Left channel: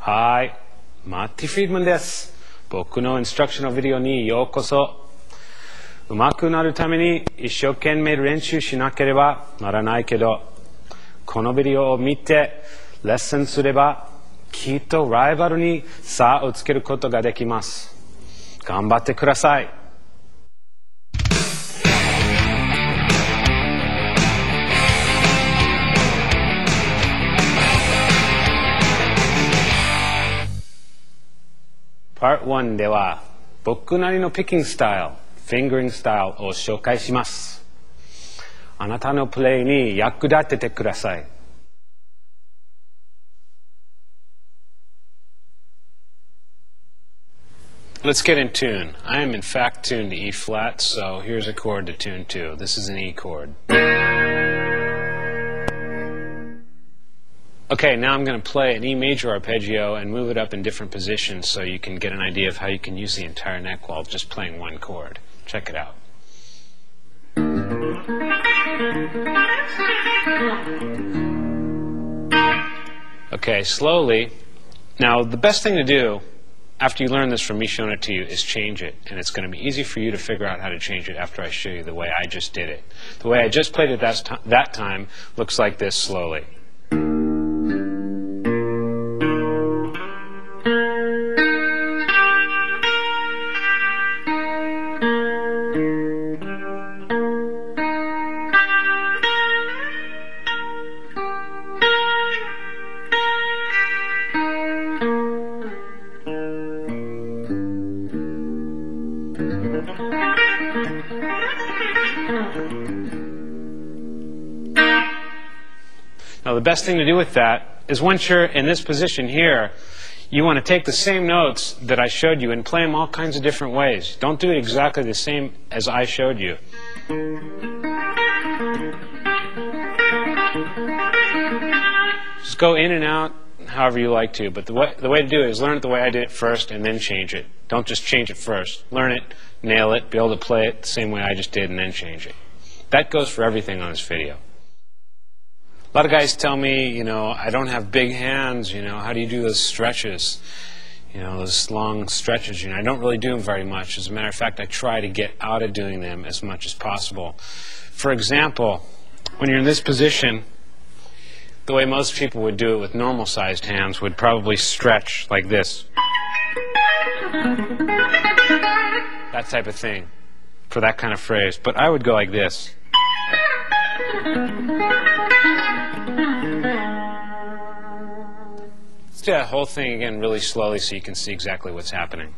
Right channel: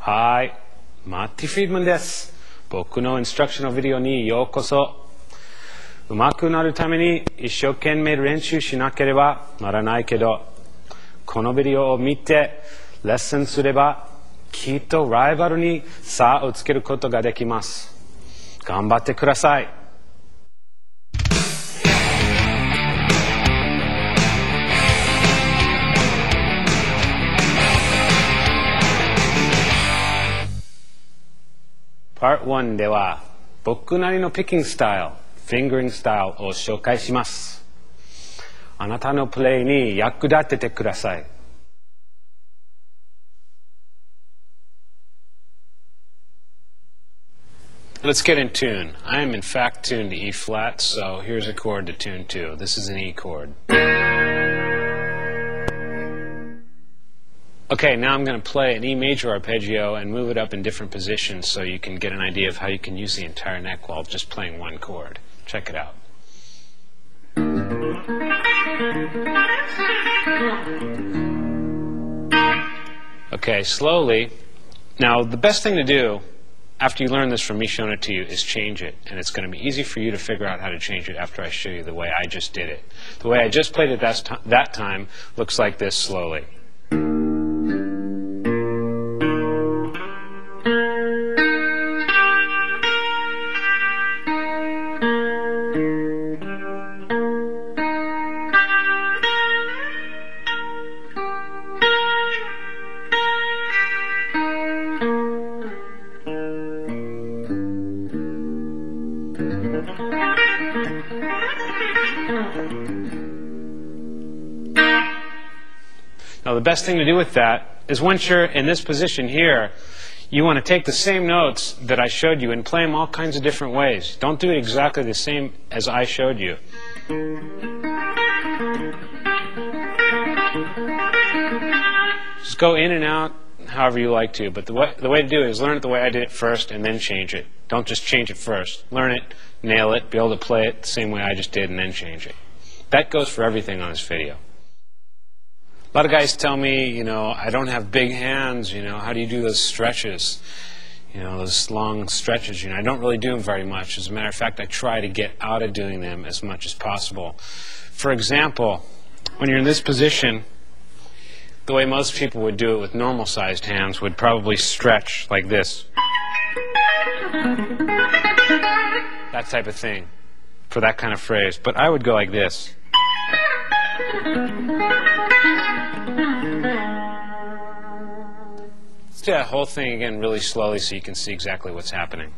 はい、Marty Friedman です。僕のインストラクションのビデオにようこそ。上手くなるために一生懸命練習しなければならないけど、このビデオを見てレッスンすればきっとライバルに差をつけることができます。頑張ってください。Part 1では僕なりのピッキングスタイル、フィンガリングスタイルを紹介します。あなたのプレイに役立ててください。Let's get in tune. I am in fact tuned to E flat, so here's a chord to tune to. This is an E chord. Okay, now I'm going to play an E major arpeggio and move it up in different positions so you can get an idea of how you can use the entire neck while just playing one chord. Check it out. Okay, slowly. Now, the best thing to do after you learn this from me showing it to you is change it. And it's going to be easy for you to figure out how to change it after I show you the way I just did it. The way I just played it that time looks like this slowly. Now the best thing to do with that is once you're in this position here, you want to take the same notes that I showed you and play them all kinds of different ways. Don't do it exactly the same as I showed you. Just go in and out however you like to, but the way to do it is learn it the way I did it first and then change it. Don't just change it first. Learn it, nail it, be able to play it the same way I just did and then change it. That goes for everything on this video. A lot of guys tell me, I don't have big hands, how do you do those stretches? Those long stretches, I don't really do them very much. As a matter of fact, I try to get out of doing them as much as possible. For example, when you're in this position, the way most people would do it with normal-sized hands would probably stretch like this. That type of thing for that kind of phrase. But I would go like this. Let's do that whole thing again really slowly so you can see exactly what's happening.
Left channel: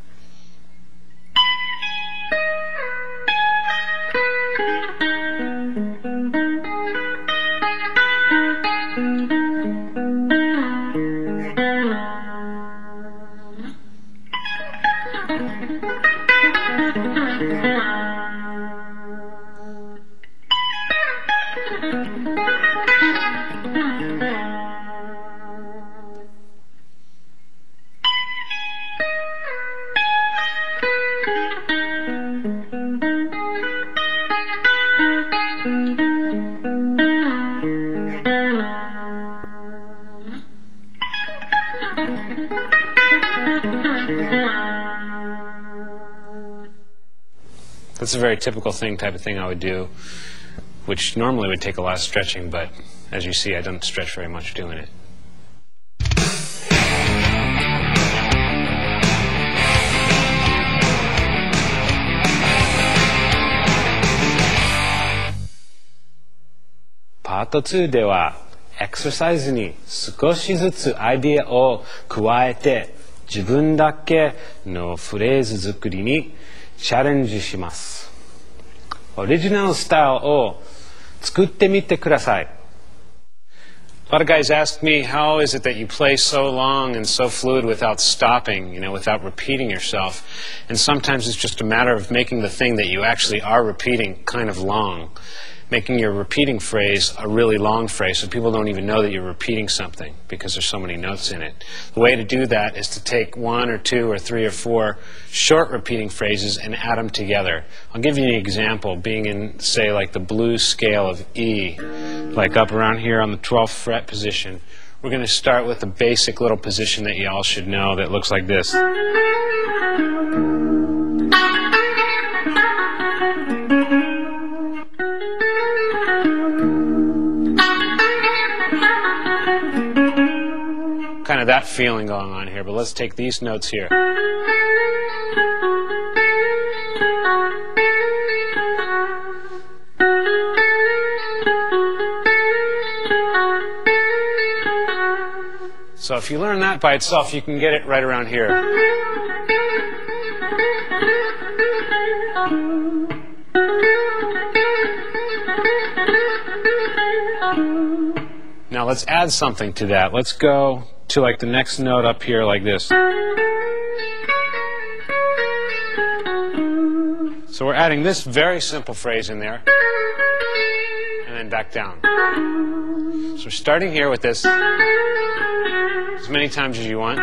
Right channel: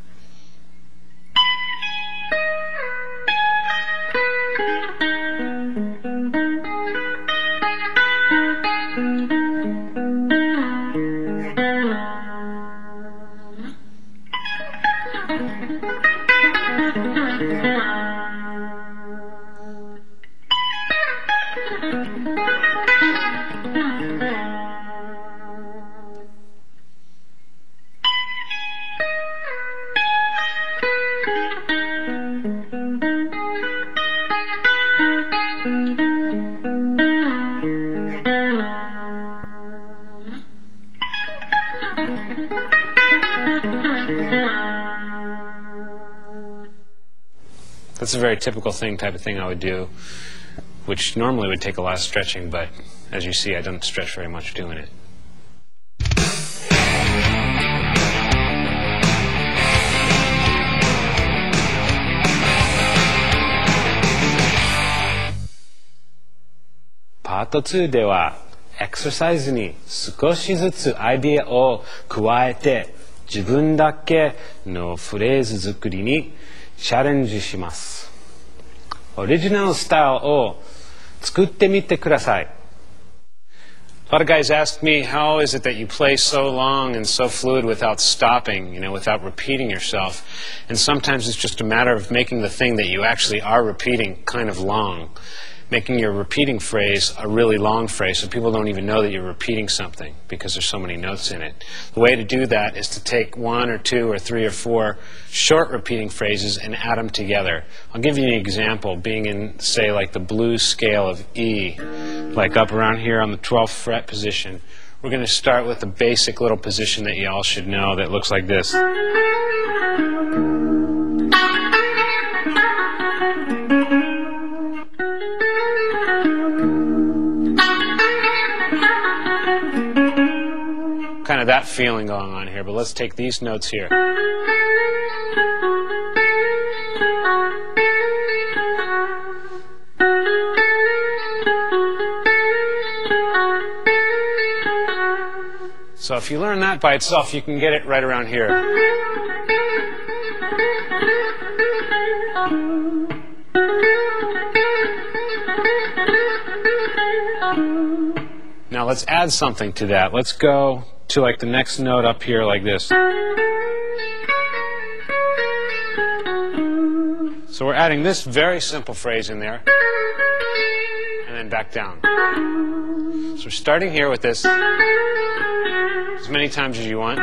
That's a very typical type of thing I would do, which normally would take a lot of stretching, but as you see, I don't stretch very much doing it. Part 2ではエクササイズに少しずつアイディアを加えて自分だけのフレーズ作りにチャレンジします。オリジナルスタイルを作ってみてください。A lot of guys ask me, how is it that you play so long and so fluid without stopping, without repeating yourself? And sometimes it's just a matter of making the thing that you actually are repeating kind of long. Making your repeating phrase a really long phrase so people don't even know that you're repeating something because there's so many notes in it. The way to do that is to take 1 or 2 or 3 or 4 short repeating phrases and add them together. I'll give you an example, being in, say, like the blues scale of E, like up around here on the 12th fret position. We're going to start with a basic little position that you all should know that looks like this. Kind of that feeling going on here, but let's take these notes here. So if you learn that by itself, you can get it right around here. Now let's add something to that. Let's go to like the next note up here like this. So we're adding this very simple phrase in there and then back down. So we're starting here with this as many times as you want.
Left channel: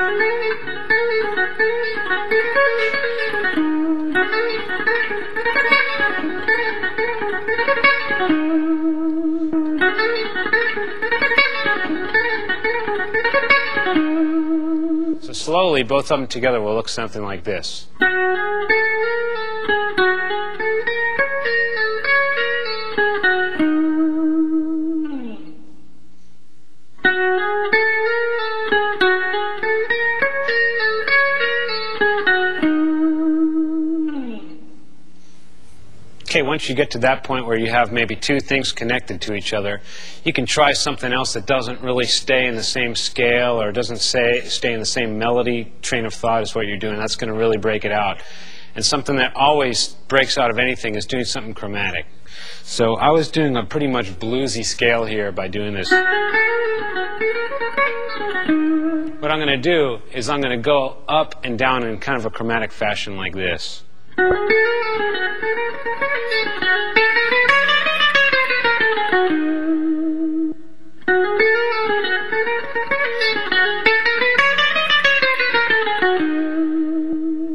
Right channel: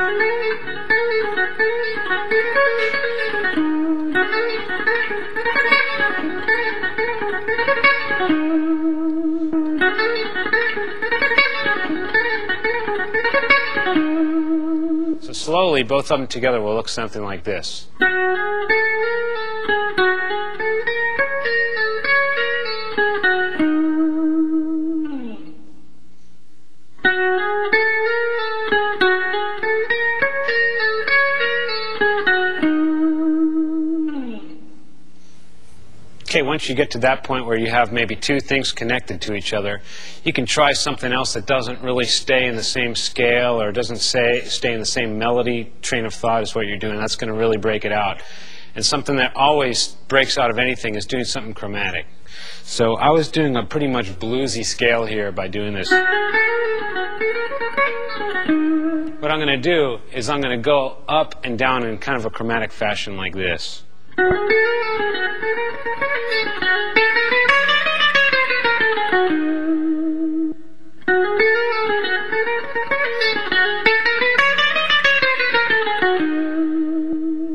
So slowly, both of them together will look something like this. Okay, once you get to that point where you have maybe 2 things connected to each other, you can try something else that doesn't really stay in the same scale or doesn't stay in the same melody train of thought as what you're doing. That's going to really break it out. And something that always breaks out of anything is doing something chromatic. So I was doing a pretty much bluesy scale here by doing this. What I'm going to do is I'm going to go up and down in kind of a chromatic fashion like this.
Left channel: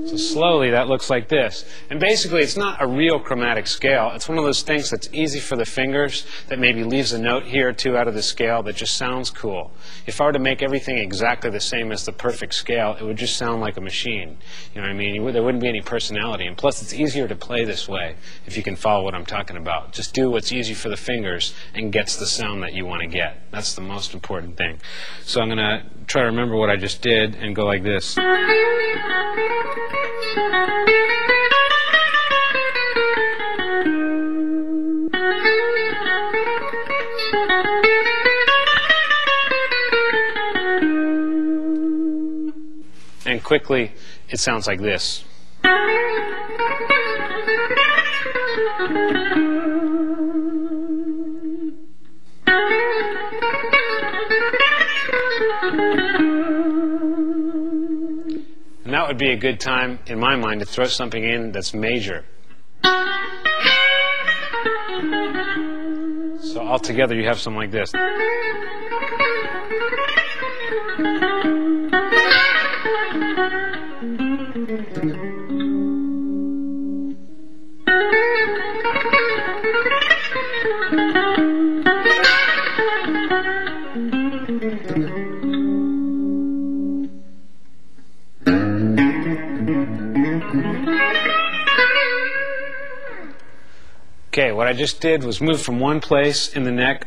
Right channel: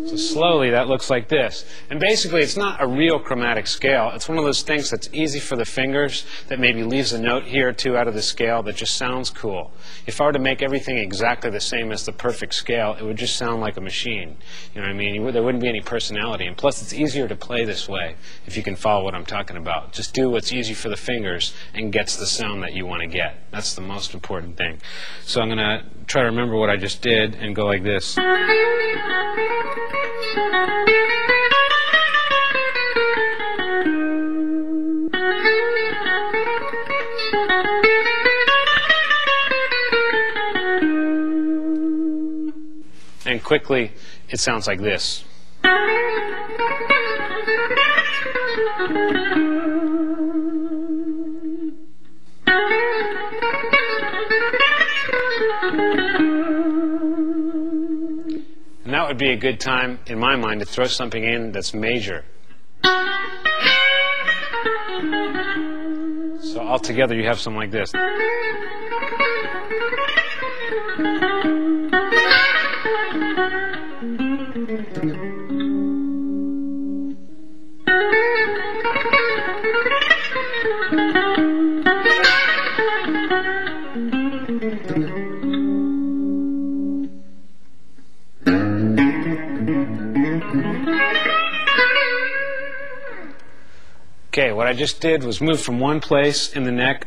So slowly that looks like this. And basically it's not a real chromatic scale. It's one of those things that's easy for the fingers that maybe leaves a note here or 2 out of the scale that just sounds cool. If I were to make everything exactly the same as the perfect scale, it would just sound like a machine. You know what I mean? There wouldn't be any personality. And plus it's easier to play this way if you can follow what I'm talking about. Just do what's easy for the fingers and gets the sound that you want to get. That's the most important thing. So I'm going to try to remember what I just did and go like this. And quickly, it sounds like this. And that would be a good time, in my mind, to throw something in that's major. So altogether, you have something like this. Okay, what I just did was move from one place in the neck